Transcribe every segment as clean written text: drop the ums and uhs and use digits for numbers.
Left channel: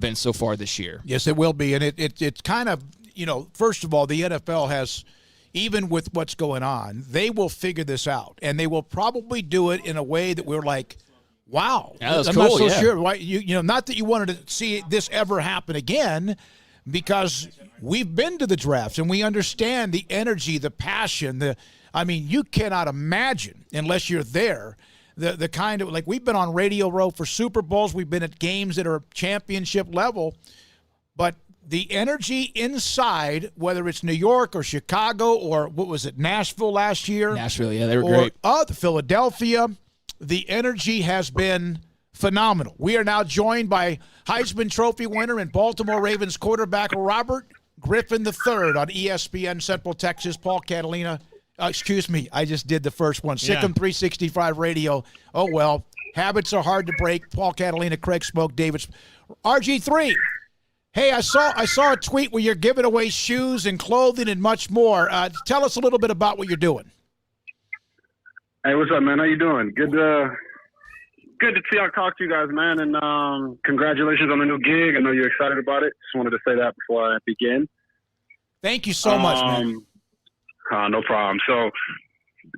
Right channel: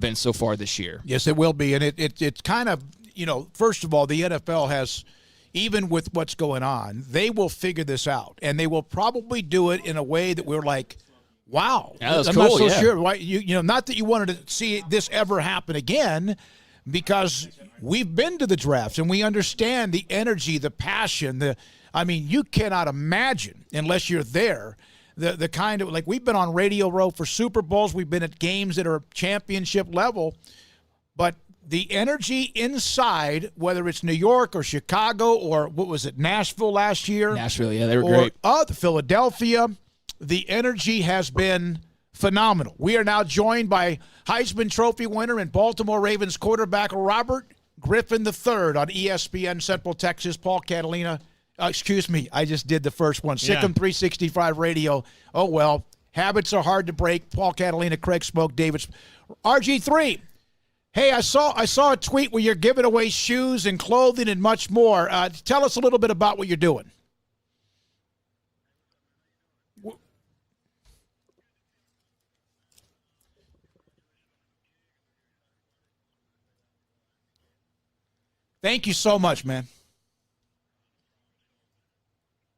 been so far this year. Yes, it will be. And it's kind of, first of all, the NFL has, even with what's going on, they will figure this out. And they will probably do it in a way that we're like, wow. Yeah, that's I'm cool, not so yeah. sure. Why, not that you wanted to see this ever happen again, because we've been to the drafts and we understand the energy, the passion. You cannot imagine, unless you're there, the kind of, like, we've been on Radio Row for Super Bowls. We've been at games that are championship level. But the energy inside, whether it's New York or Chicago or, what was it, Nashville last year? Nashville, yeah, they were great. Philadelphia, the energy has been phenomenal. We are now joined by Heisman Trophy winner and Baltimore Ravens quarterback Robert Griffin III on ESPN Central Texas. Paul Catalina. Excuse me, I just did the first one. SicEm365 Radio. Oh, well, habits are hard to break. Paul Catalina, Craig Smoke, David. RG3. Hey, I saw a tweet where you're giving away shoes and clothing and much more. Tell us a little bit about what you're doing. Hey, what's up, man? How you doing? Good to see I talk to you guys, man. And congratulations on the new gig. I know you're excited about it. Just wanted to say that before I begin. Thank you so much, man. No problem. So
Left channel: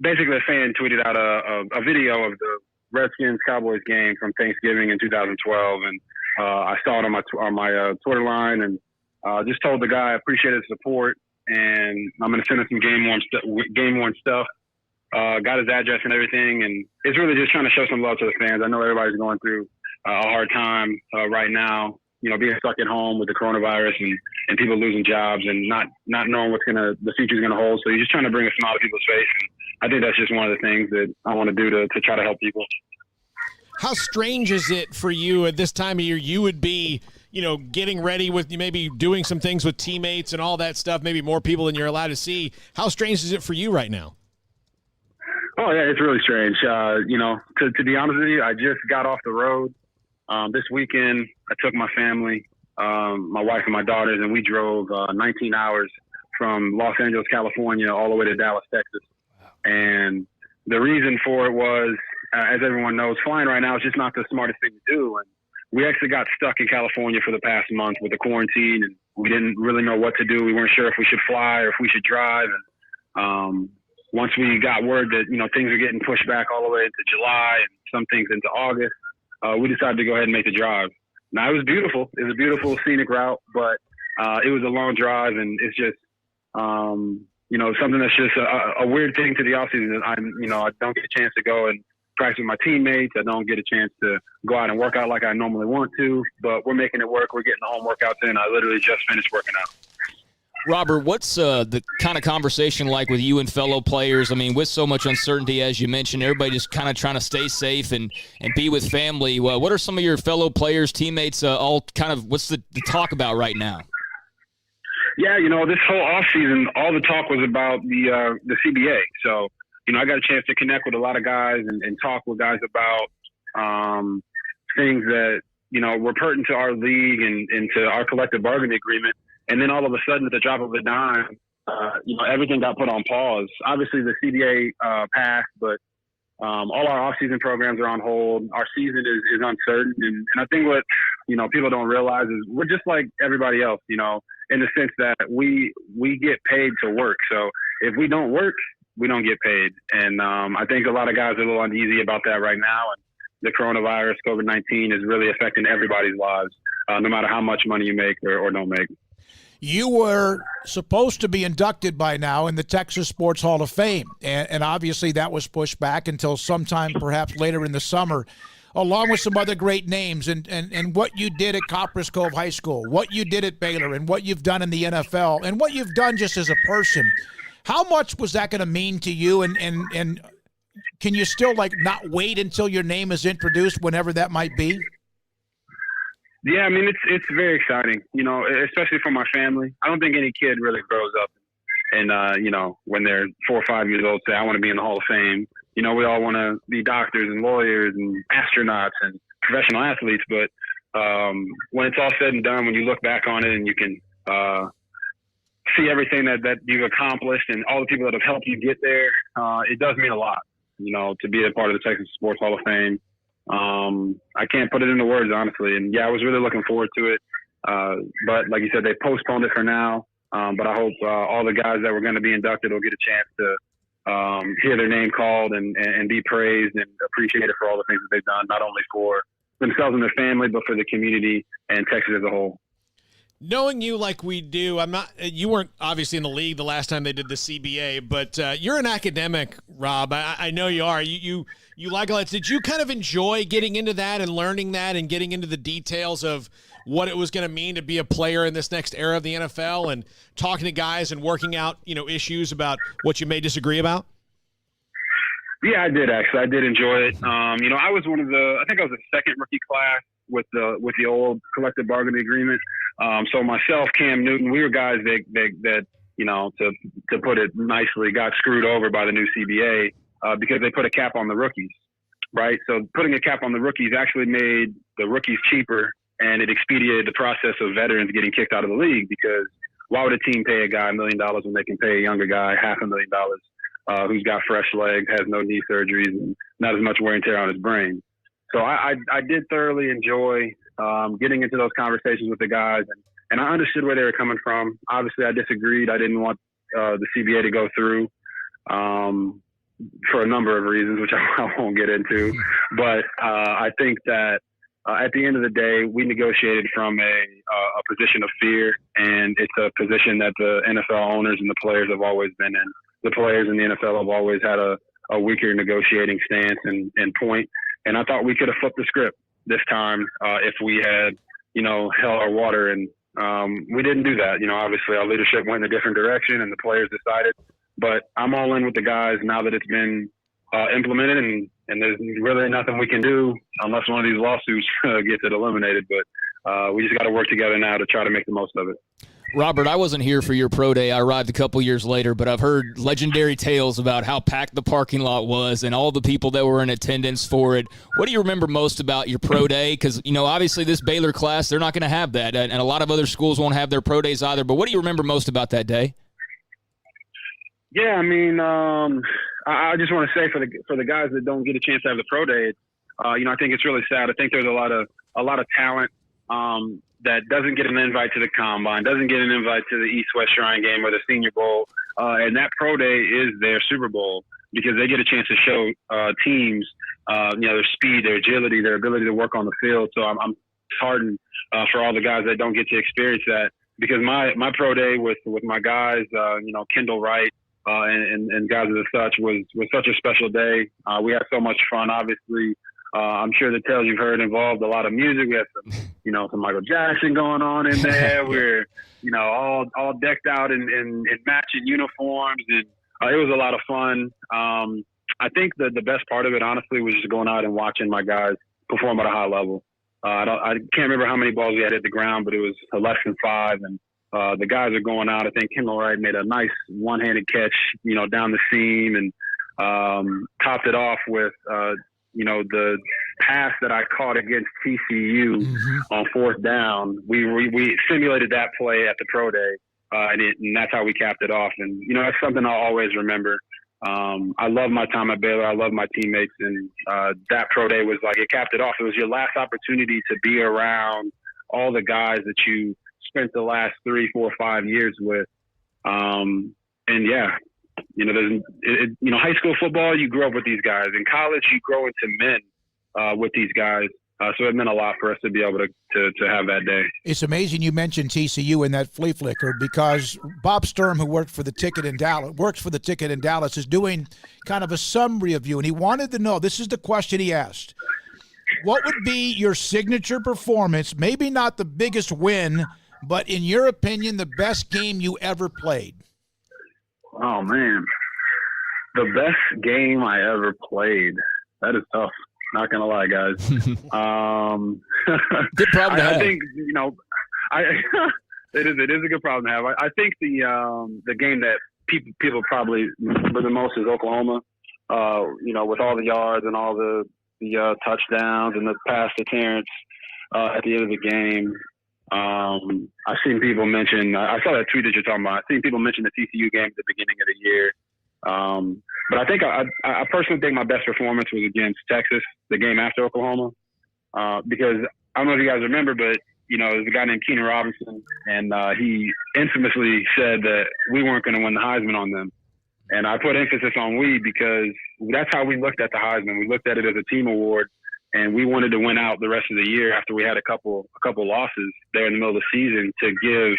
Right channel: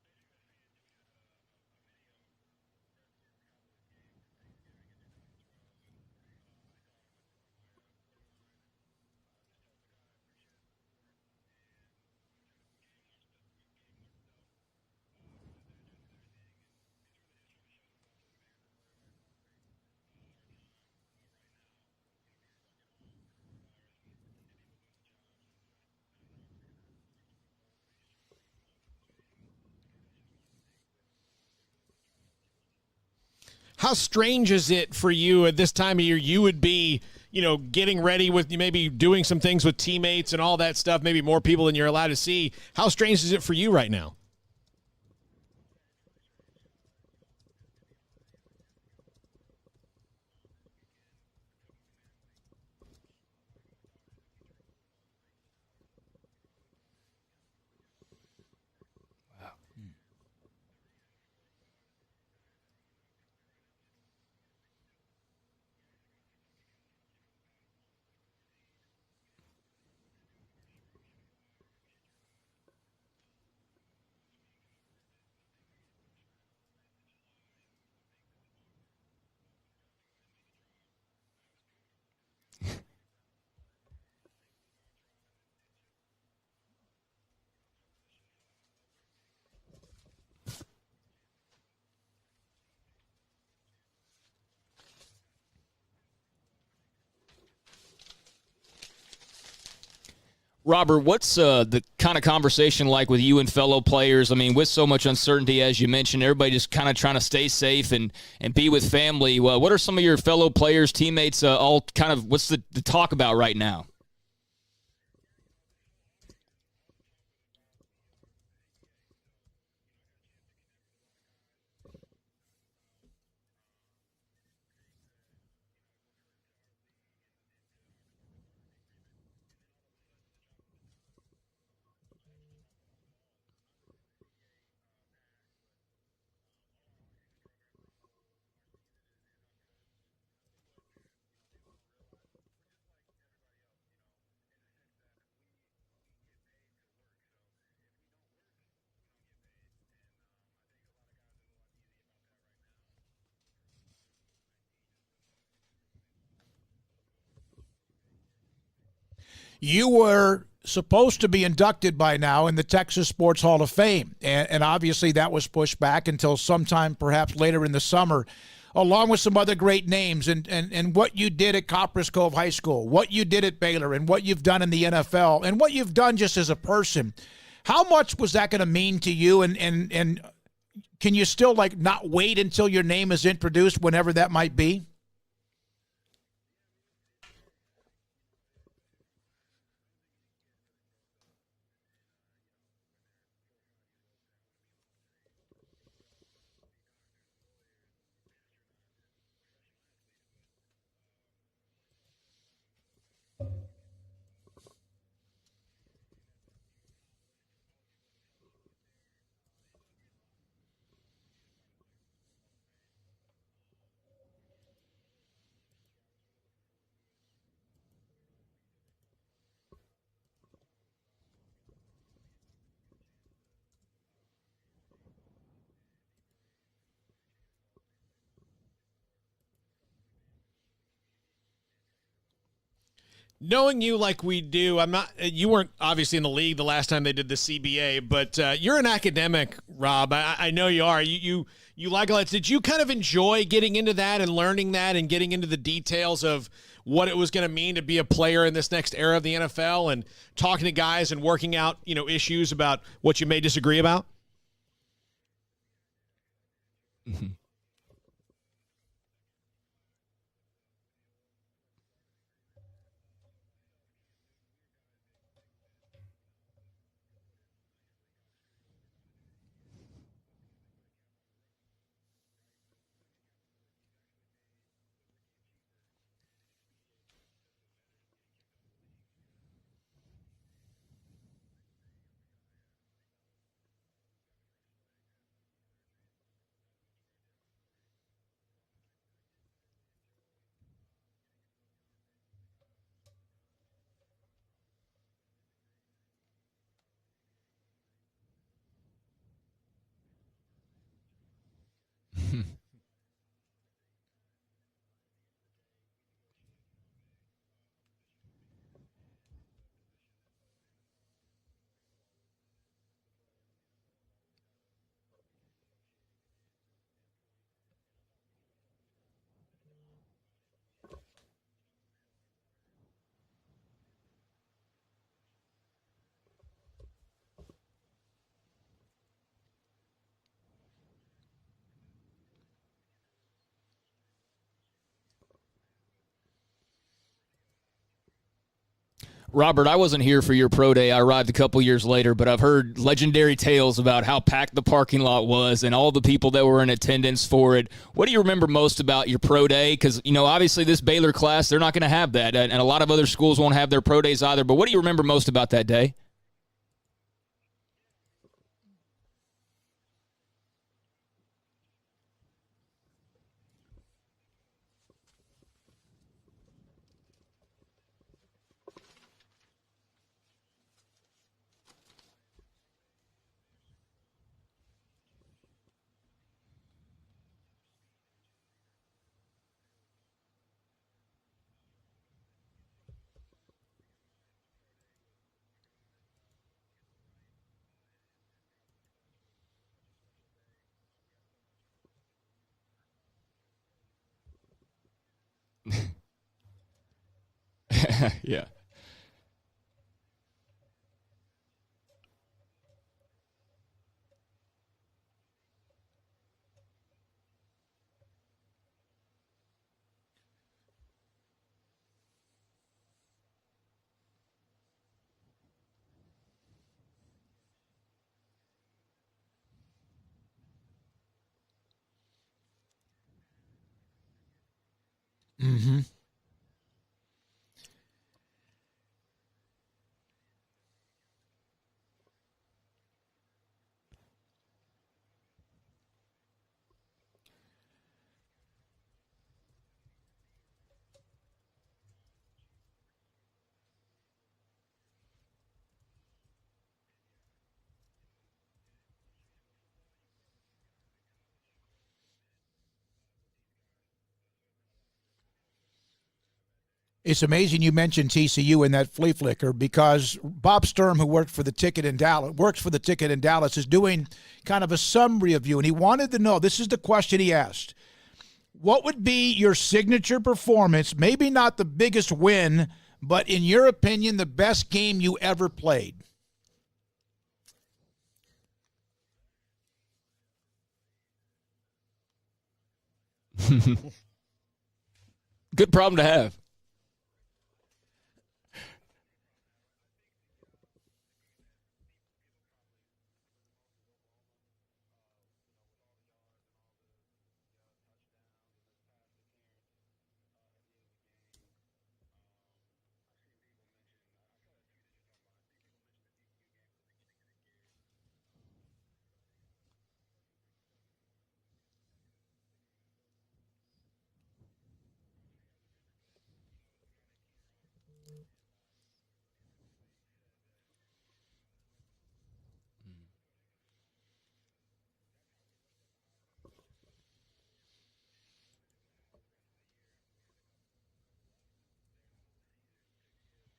basically, a fan tweeted out a video of the Redskins-Cowboys game from Thanksgiving in 2012, and I saw it on my Twitter line, and just told the guy I appreciate his support, and I'm going to send him some game-worn stuff. Got his address and everything, and it's really just trying to show some love to the fans. I know everybody's going through a hard time right now, being stuck at home with the coronavirus and people losing jobs and not knowing the future's gonna hold. So you're just trying to bring a smile to people's face. And I think that's just one of the things that I want to do to try to help people. How strange is it for you at this time of year? You would be, getting ready with maybe doing some things with teammates and all that stuff, maybe more people than you're allowed to see. How strange is it for you right now? Oh, yeah, it's really strange. To be honest with you, I just got off the road. This weekend, I took my family, my wife and my daughters, and we drove 19 hours from Los Angeles, California, all the way to Dallas, Texas. And the reason for it was, as everyone knows, flying right now is just not the smartest thing to do. And we actually got stuck in California for the past month with the quarantine, and we didn't really know what to do. We weren't sure if we should fly or if we should drive. And once we got word that, things are getting pushed back all the way into July and some things into August, we decided to go ahead and make the drive. Now, it was beautiful. It was a beautiful scenic route, but it was a long drive, and it's just, something that's just a weird thing to the offseason. I don't get a chance to go and practice with my teammates. I don't get a chance to go out and work out like I normally want to, but we're making it work. We're getting the home workouts in. I literally just finished working out. Robert, what's the kind of conversation like with you and fellow players? I mean, with so much uncertainty, as you mentioned, everybody just kind of trying to stay safe and be with family. Well, what are some of your fellow players, teammates, what's the talk about right now? Yeah, this whole offseason, all the talk was about the CBA. So, I got a chance to connect with a lot of guys and talk with guys about things that, were pertinent to our league and to our collective bargaining agreement. And then all of a sudden, at the drop of a dime, everything got put on pause. Obviously, the CBA passed, but all our off-season programs are on hold. Our season is uncertain. And I think what, people don't realize is we're just like everybody else, in the sense that we get paid to work. So if we don't work, we don't get paid. And I think a lot of guys are a little uneasy about that right now. And the coronavirus, COVID-19, is really affecting everybody's lives, no matter how much money you make or don't make. You were supposed to be inducted by now in the Texas Sports Hall of Fame, and obviously that was pushed back until sometime perhaps later in the summer, along with some other great names. And what you did at Copperas Cove High School, what you did at Baylor, and what you've done in the NFL, and what you've done just as a person, how much was that going to mean to you? And can you still not wait until your name is introduced, whenever that might be? Yeah, I mean, it's very exciting, especially for my family. I don't think any kid really grows up and, when they're 4 or 5 years old, say, I want to be in the Hall of Fame. We all want to be doctors and lawyers and astronauts and professional athletes. But when it's all said and done, when you look back on it and you can see everything that you've accomplished and all the people that have helped you get there, it does mean a lot, to be a part of the Texas Sports Hall of Fame. I can't put it into words, honestly. And yeah, I was really looking forward to it. But like you said, they postponed it for now. But I hope all the guys that were going to be inducted will get a chance to hear their name called and be praised and appreciated for all the things that they've done, not only for themselves and their family, but for the community and Texas as a whole. Knowing you like we do, you weren't obviously in the league the last time they did the CBA, but you're an academic, Rob. I know you are. You like all that. Did you kind of enjoy getting into that and learning that and getting into the details of what it was going to mean to be a player in this next era of the NFL and talking to guys and working out, issues about what you may disagree about? Yeah, I did actually. I did enjoy it. I was I think I was the second rookie class with the old collective bargaining agreement. So myself, Cam Newton, we were guys that to put it nicely, got screwed over by the new CBA because they put a cap on the rookies, right? So putting a cap on the rookies actually made the rookies cheaper, and it expedited the process of veterans getting kicked out of the league, because why would a team pay a guy $1 million when they can pay a younger guy $500,000 who's got fresh legs, has no knee surgeries, and not as much wear and tear on his brain? So I did thoroughly enjoy getting into those conversations with the guys, and I understood where they were coming from. Obviously, I disagreed. I didn't want the CBA to go through for a number of reasons, which I won't get into. But I think that at the end of the day, we negotiated from a position of fear, and it's a position that the NFL owners and the players have always been in. The players in the NFL have always had a weaker negotiating stance and point. And I thought we could have flipped the script this time if we had, held our water. And we didn't do that. Obviously our leadership went in a different direction and the players decided. But I'm all in with the guys now that it's been implemented, and there's really nothing we can do unless one of these lawsuits gets it eliminated. But we just got to work together now to try to make the most of it. Robert, I wasn't here for your pro day. I arrived a couple years later, but I've heard legendary tales about how packed the parking lot was and all the people that were in attendance for it. What do you remember most about your pro day? Because, obviously this Baylor class, they're not going to have that, and a lot of other schools won't have their pro days either. But what do you remember most about that day? Yeah, I just want to say for the guys that don't get a chance to have the pro day, I think it's really sad. I think there's a lot of talent that doesn't get an invite to the Combine, doesn't get an invite to the East-West Shrine Game or the Senior Bowl, and that pro day is their Super Bowl, because they get a chance to show teams, their speed, their agility, their ability to work on the field. So I'm heartened for all the guys that don't get to experience that, because my pro day with my guys, Kendall Wright and guys of such was such a special day. We had so much fun, obviously. I'm sure the tales you've heard involved a lot of music. We had some Michael Jackson going on in there. We're, all decked out in matching uniforms, and it was a lot of fun. I think the best part of it, honestly, was just going out and watching my guys perform at a high level. I can't remember how many balls we had hit the ground, but it was less than 5, and the guys are going out. I think Kendall Wright made a nice one-handed catch, down the seam, and topped it off with the pass that I caught against TCU on 4th down. We simulated that play at the pro day, and that's how we capped it off. And, that's something I'll always remember. I love my time at Baylor. I love my teammates. And that pro day was like, it capped it off. It was your last opportunity to be around all the guys that you spent the last 3, 4, 5 years with. And yeah, high school football, you grow up with these guys. In college, you grow into men with these guys. So it meant a lot for us to be able to have that day. It's amazing you mentioned TCU in that flea flicker, because Bob Sturm, who works for the Ticket in Dallas, is doing kind of a summary of you, and he wanted to know, this is the question he asked: what would be your signature performance, maybe not the biggest win, but in your opinion, the best game you ever played? Oh, man. The best game I ever played. That is tough. Not going to lie, guys. Good problem to have. I think, it is a good problem to have. I think the game that people probably remember the most is Oklahoma, with all the yards and all the touchdowns and the pass to Terrence at the end of the game. I've seen people mention, I saw that tweet that you're talking about. I've seen people mention the TCU game at the beginning of the year. But I think I personally think my best performance was against Texas, the game after Oklahoma, because I don't know if you guys remember, but there's a guy named Keenan Robinson, and he infamously said that we weren't going to win the Heisman on them. And I put emphasis on we because that's how we looked at the Heisman. We looked at it as a team award, and we wanted to win out the rest of the year after we had a couple losses there in the middle of the season to give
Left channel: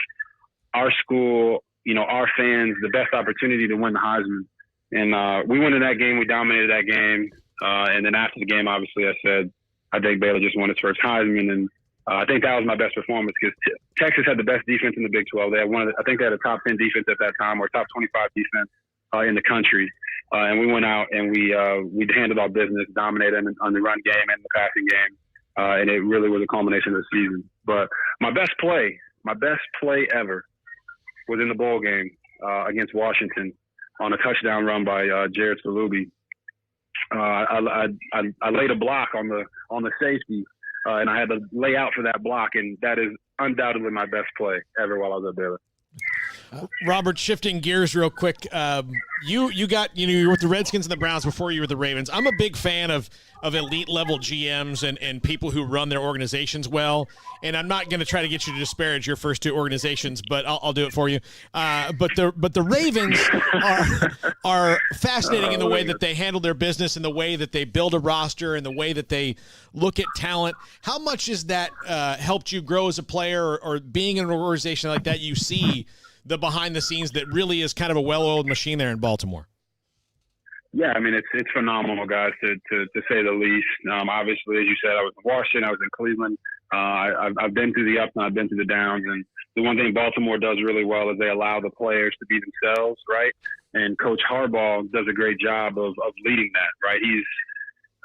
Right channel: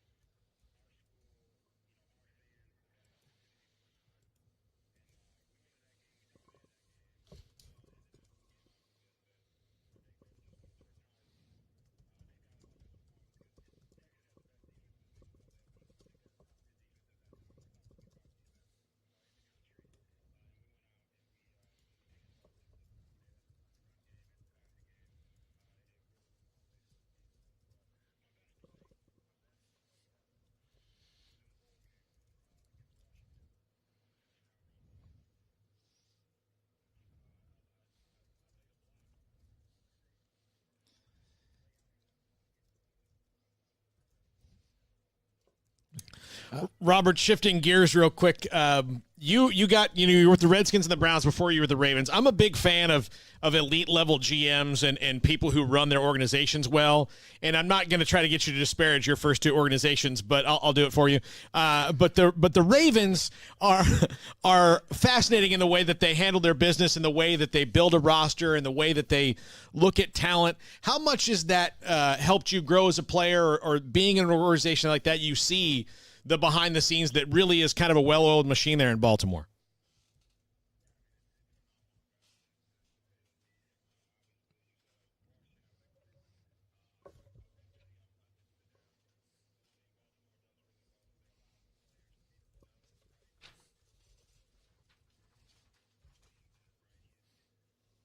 our school, our fans the best opportunity to win the Heisman. And we went in that game. We dominated that game. And then after the game, obviously, I said, I think Baylor just won its first Heisman. And I think that was my best performance because Texas had the best defense in the Big 12. They had I think they had a top 10 defense at that time, or top 25 defense in the country. And we went out and we handled our business, dominated them on the run game and the passing game. And it really was a culmination of the season. But my best play ever was in the bowl game against Washington on a touchdown run by Jared Salubi. I laid a block on the safety, and I had to lay out for that block, and that is undoubtedly my best play ever while I was at Baylor. Robert, shifting gears real quick, you were with the Redskins and the Browns before you were the Ravens. I'm a big fan of elite level GMs and people who run their organizations well. And I'm not going to try to get you to disparage your first two organizations, but I'll do it for you. But the Ravens are fascinating in the way that they handle their business, and the way that they build a roster, and the way that they look at talent. How much has that helped you grow as a player, or being in an organization like that? You see the behind the scenes that really is kind of a well-oiled machine there in Baltimore. Yeah, I mean, it's phenomenal, guys, to say the least. Obviously, as you said, I was in Washington, I was in Cleveland. I've been through the ups and I've been through the downs. And the one thing Baltimore does really well is they allow the players to be themselves, right? And Coach Harbaugh does a great job of leading that, right?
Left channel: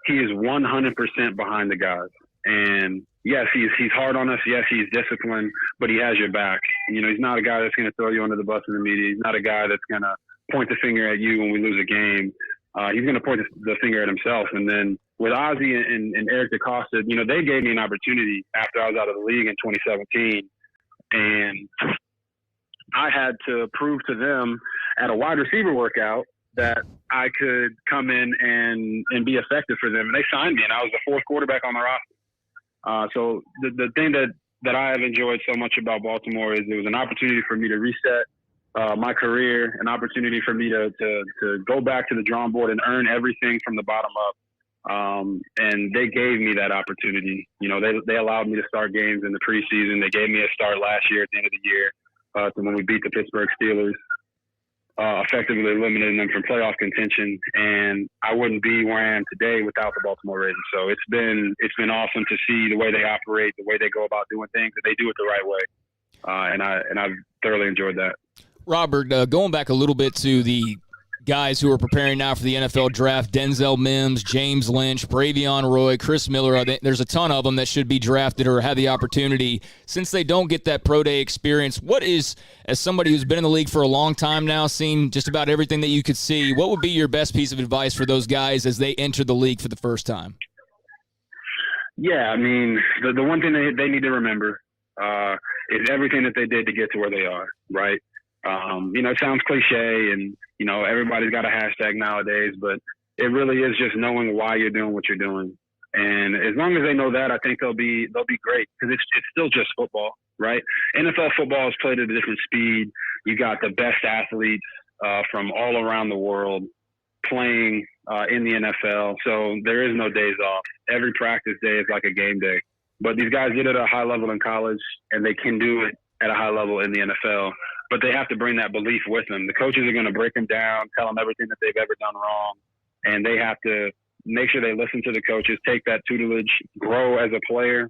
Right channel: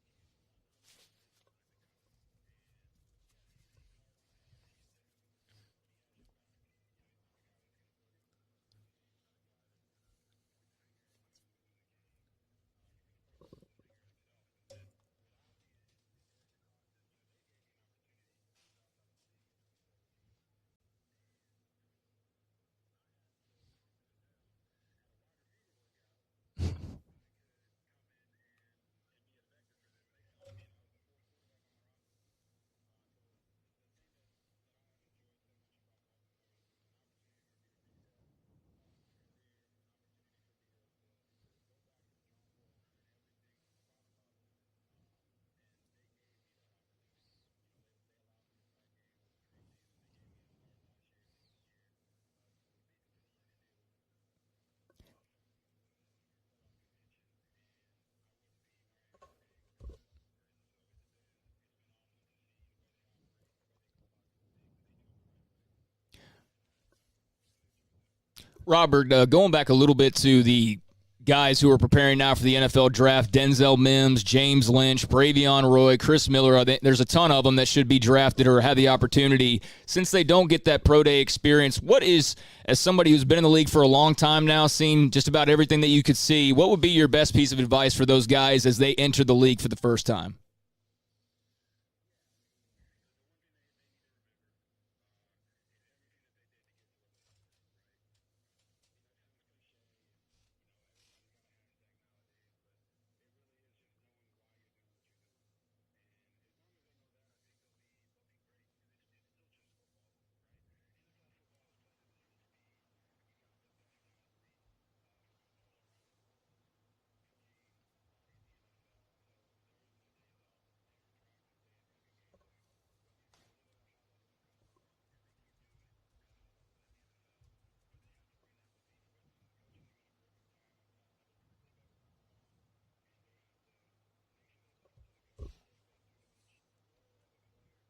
He is 100% behind the guys. And yes, he's hard on us. Yes, he's disciplined, but he has your back. He's not a guy that's going to throw you under the bus in the media. He's not a guy that's going to point the finger at you when we lose a game. He's going to point the finger at himself. And then with Ozzie and Eric DeCosta, they gave me an opportunity after I was out of the league in 2017. And I had to prove to them at a wide receiver workout that I could come in and be effective for them. And they signed me, and I was the fourth quarterback on the roster. So the thing that I have enjoyed so much about Baltimore is it was an opportunity for me to reset my career, an opportunity for me to go back to the drawing board and earn everything from the bottom up. And they gave me that opportunity. They allowed me to start games in the preseason. They gave me a start last year at the end of the year when we beat the Pittsburgh Steelers, effectively eliminating them from playoff contention. And I wouldn't be where I am today without the Baltimore Ravens. So it's been awesome to see the way they operate, the way they go about doing things, and they do it the right way. And I've thoroughly enjoyed that. Robert, going back a little bit to the guys who are preparing now for the NFL draft, Denzel Mims, James Lynch, Bravion Roy, Chris Miller, there's a ton of them that should be drafted or have the opportunity. Since they don't get that pro day experience, what is, as somebody who's been in the league for a long time now, seen just about everything that you could see, what would be your best piece of advice for those guys as they enter the league for the first time? Yeah, I mean, the one thing they need to remember is everything that they did to get to where they are, right? It sounds cliche and, everybody's got a hashtag nowadays, but it really is just knowing why you're doing what you're doing. And as long as they know that, I think they'll be great because it's still just football, right? NFL football is played at a different speed. You got the best athletes from all around the world playing in the NFL. So there is no days off. Every practice day is like a game day. But these guys did it at a high level in college, and they can do it at a high level in the NFL. But they have to bring that belief with them. The coaches are going to break them down, tell them everything that they've ever done wrong, and they have to make sure they listen to the coaches, take that tutelage, grow as a player,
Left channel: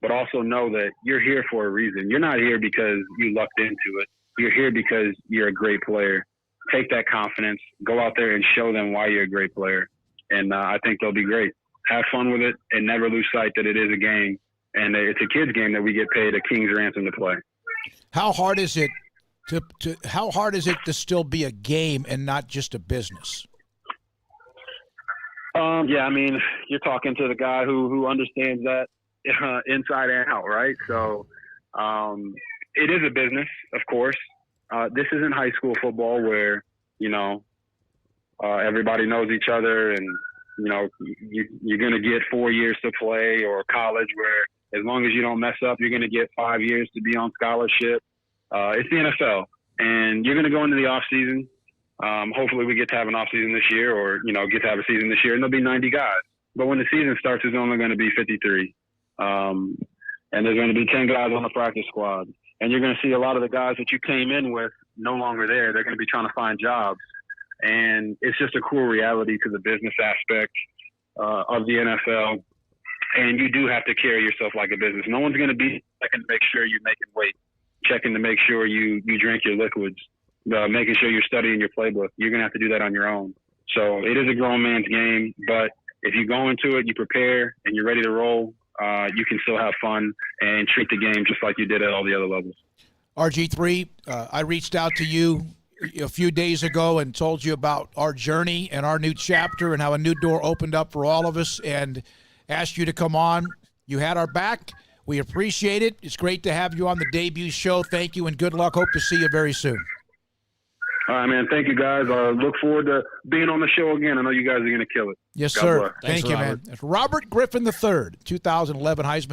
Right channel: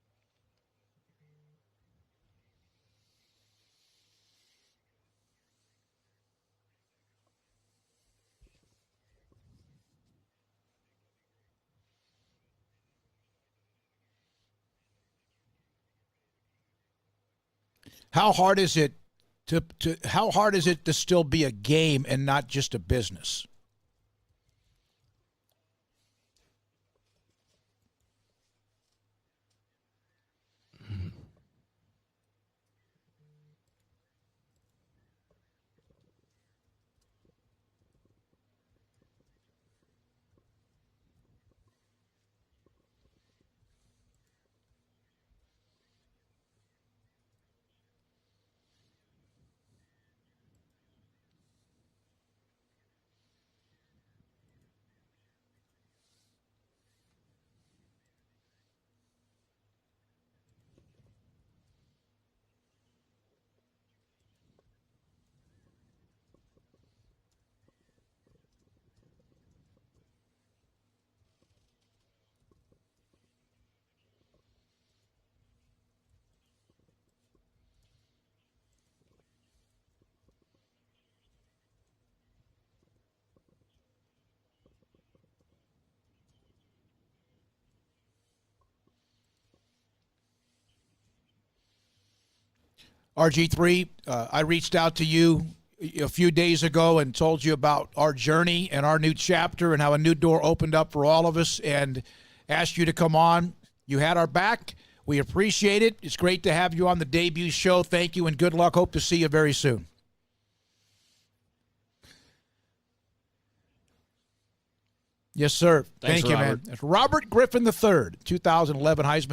but also know that you're here for a reason. You're not here because you lucked into it. You're here because you're a great player. Take that confidence, go out there and show them why you're a great player. And I think they'll be great. Have fun with it and never lose sight that it is a game. And it's a kid's game that we get paid a king's ransom to play. How hard is it to still be a game and not just a business? Yeah, I mean, you're talking to the guy who understands that inside and out, right? So it is a business, of course. This isn't high school football where, Everybody knows each other, and you're going to get 4 years to play, or college where as long as you don't mess up, you're going to get 5 years to be on scholarship. It's the NFL, and you're going to go into the off season. Hopefully we get to have an off season this year, or get to have a season this year, and there'll be 90 guys. But when the season starts, there's only going to be 53, and there's going to be 10 guys on the practice squad, and you're going to see a lot of the guys that you came in with no longer there. They're going to be trying to find jobs. And it's just a cool reality to the business aspect of the NFL. And you do have to carry yourself like a business. No one's going to be checking to make sure you're making weight, checking to make sure you drink your liquids, making sure you're studying your playbook. You're going to have to do that on your own. So it is a grown man's game. But if you go into it, you prepare, and you're ready to roll, you can still have fun and treat the game just like you did at all the other levels. RG3, I reached out to you a few days ago and told you about our journey and our new chapter and how a new door opened up for all of us, and asked you to come on. You had our back. We appreciate it. It's great to have you on the debut show. Thank you, and good luck. Hope to see you very soon. All right, man. Thank you, guys. Look forward to being on the show again. I know you guys are going to kill it. Yes, God sir. bless. Thank you, man. It's Robert Griffin III, 2011 Heisman